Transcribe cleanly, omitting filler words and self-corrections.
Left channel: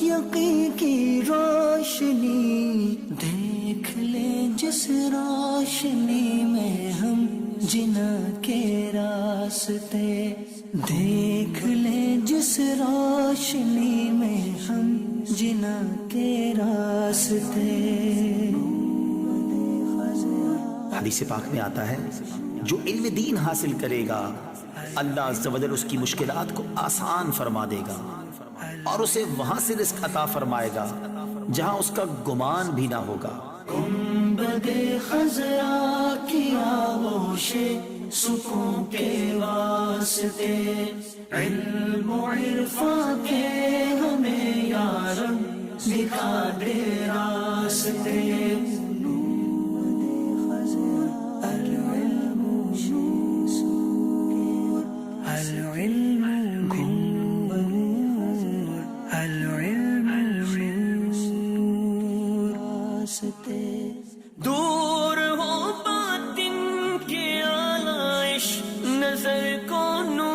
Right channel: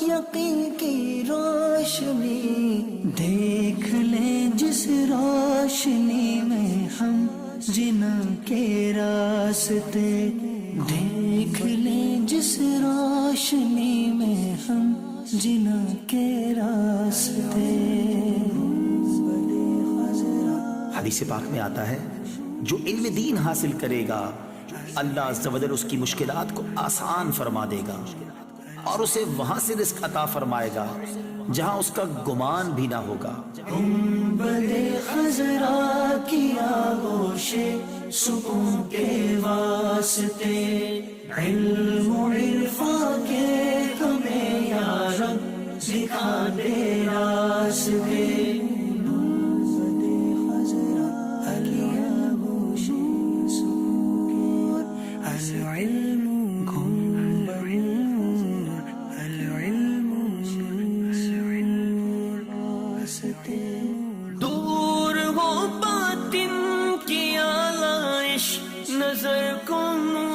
یقین کی روشنی، دیکھ لے جس روشنی میں ہم جنا کے راستے، دیکھ لے جس روشنی میں ہم جنا کے راستے۔ حدیث پاک میں آتا ہے جو علم دین حاصل کرے گا اللہ عز و جل اس کی مشکلات کو آسان فرما دے گا اور اسے وہاں سے رزق عطا فرمائے گا جہاں اس کا گمان بھی نہ ہوگا۔ گنبد خضرا کی آغوش سکون کے واسطے، علم و عرفان کے ہمیں یا رب دکھا دے راستے۔ دور ہو باطن کی آئش، نظر کو نور